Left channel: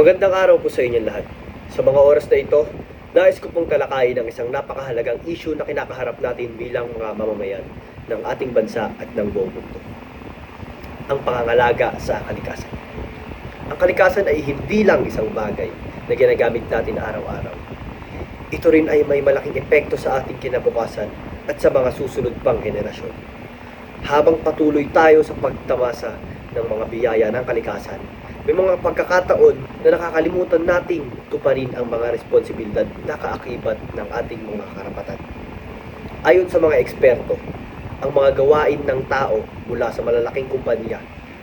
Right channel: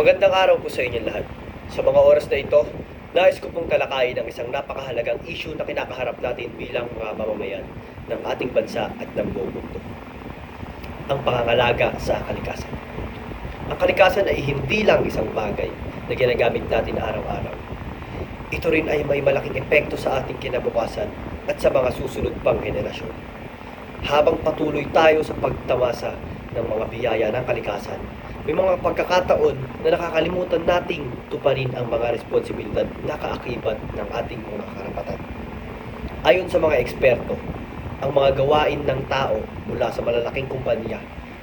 Magandang araw po sa inyong lahat. Sa mga oras na ito, nais ko pong talakayin ang isang napakahalagang issue na kinakaharap natin bilang mga mamamayan ng ating bansa at ng buong mundo. Ang pangangalaga sa kalikasan. Ang kalikasan ay hindi lang isang bagay na ginagamit natin araw-araw. Ito rin ay may malaking epekto sa ating kinabukasan at sa mga susunod pang henerasyon. Habang patuloy tayo sa pagtamasa ng mga biyaya ng kalikasan, may mga pagkakataon na nakakalimutan nating tuparin ang mga responsibilidad na kaakibat ng ating mga karapatan. Ayon sa mga eksperto, ang mga gawain ng tao mula sa malalaking kumpanya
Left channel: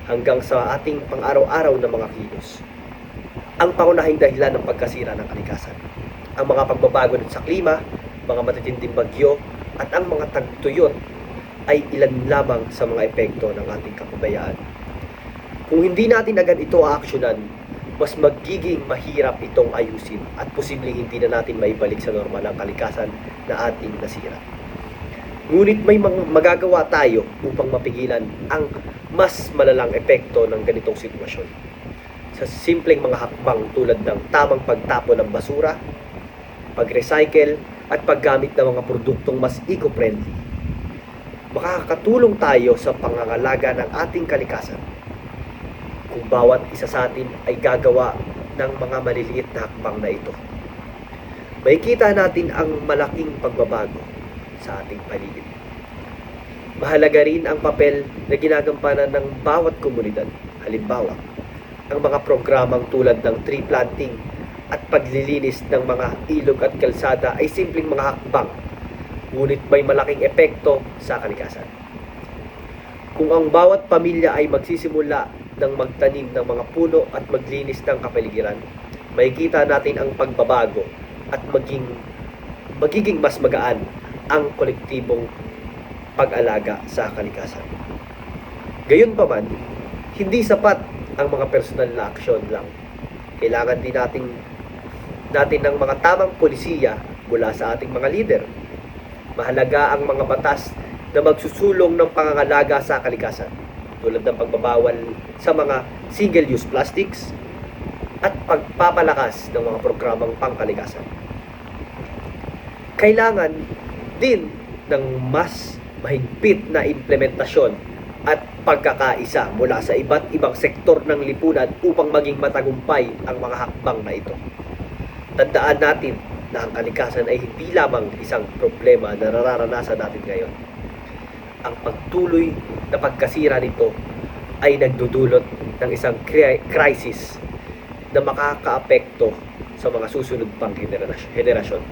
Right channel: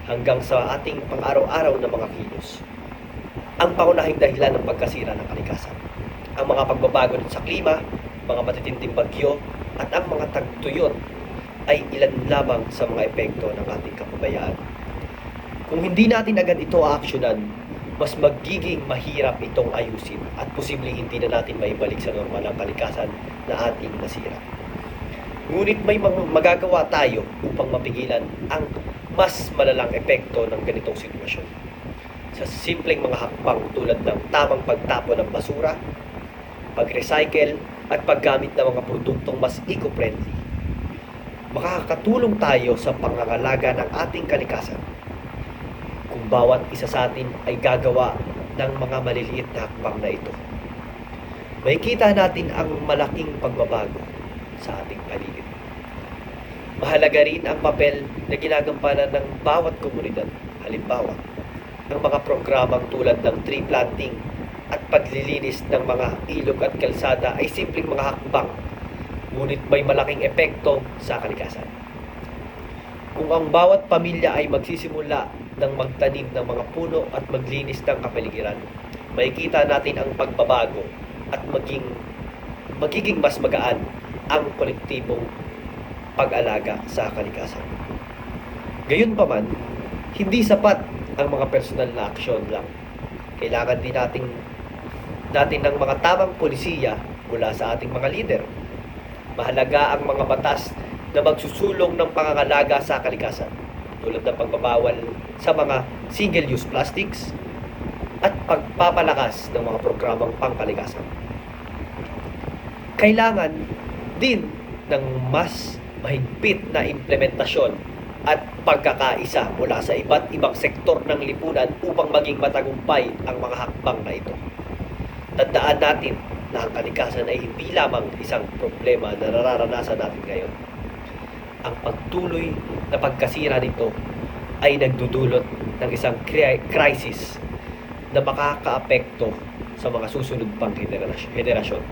hanggang sa ating pang-araw-araw na mga kilos, ang pangunahing dahilan ng pagkasira ng kalikasan. Ang mga pagbabago sa klima, mga matitinding bagyo, at ang mga tagtuyot ay ilan lamang sa mga epekto ng ating kapabayaan. Kung hindi natin agad ito aaksyonan, mas magiging mahirap itong ayusin at posibleng hindi na natin maibalik sa normal ang kalikasan na ating nasira. Ngunit may magagawa tayo upang mapigilan ang mas malalang epekto ng ganitong sitwasyon. Sa simpleng mga hakbang tulad ng tamang pagtapon ng basura, pag-recycle at paggamit ng mga produktong mas eco-friendly, makakatulong tayo sa pangangalaga ng ating kalikasan. Kung bawat isa sa atin ay gagawa ng mga maliliit na hakbang na ito, makikita natin ang malaking pagbabago sa ating paligid. Mahalaga rin ang papel na ginagampanan ng bawat komunidad. Halimbawa, ang mga programang tulad ng tree planting at paglilinis ng mga ilog at kalsada ay simpleng mga hakbang, ngunit may malaking epekto sa kalikasan. Kung ang bawat pamilya ay magsisimula ng magtanim ng mga puno at maglinis ng kapaligiran, makikita natin ang pagbabago at magiging mas magaan ang kolektibong pag-alaga sa kalikasan. Gayunpaman, hindi sapat ang mga personal na aksyon lang. Kailangan din natin ng mga tamang polisiya mula sa ating mga lider. Mahalaga ang mga batas na magsusulong ng pangangalaga sa kalikasan, tulad ng pagbabawal sa mga single-use plastics at pagpapalakas ng mga programang pangkalikasan. Kailangan din ng mas mahigpit na implementasyon at pagkakaisa mula sa iba't ibang sektor ng lipunan upang maging matagumpay ang mga hakbang na ito. Tandaan natin na ang kalikasan ay hindi lamang isang problema na nararanasan natin ngayon. Ang pagtuloy na pagkasira nito ay nagdudulot ng isang crisis na makakaapekto sa mga susunod pang henerasyon.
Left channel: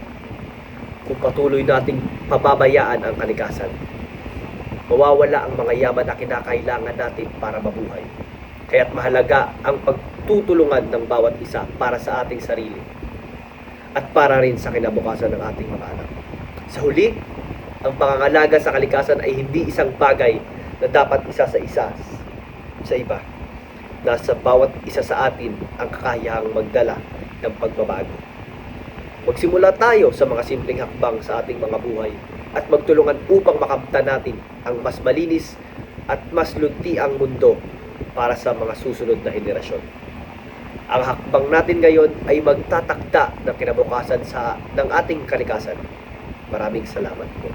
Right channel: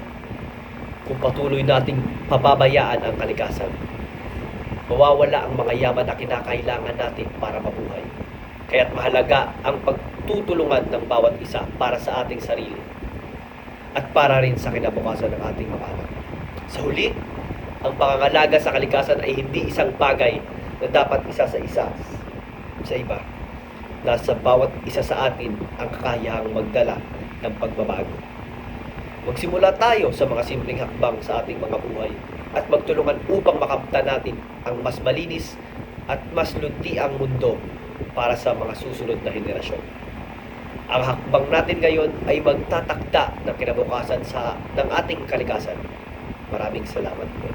Kung patuloy nating pababayaan ang kalikasan, mawawala ang mga yaman na kinakailangan natin para mabuhay. Kaya't mahalaga ang pagtutulungan ng bawat isa para sa ating sarili at para rin sa kinabukasan ng ating mga anak. Sa huli, ang pangangalaga sa kalikasan ay hindi isang bagay na dapat isa sa iba. Nasa bawat isa sa atin ang kakayahang magdala ng pagbabago. Magsimula tayo sa mga simpleng hakbang sa ating mga buhay at magtulungan upang makamtan natin ang mas malinis at mas luntiang mundo para sa mga susunod na henerasyon. Ang hakbang natin ngayon ay magtatakda ng kinabukasan ng ating kalikasan. Maraming salamat po.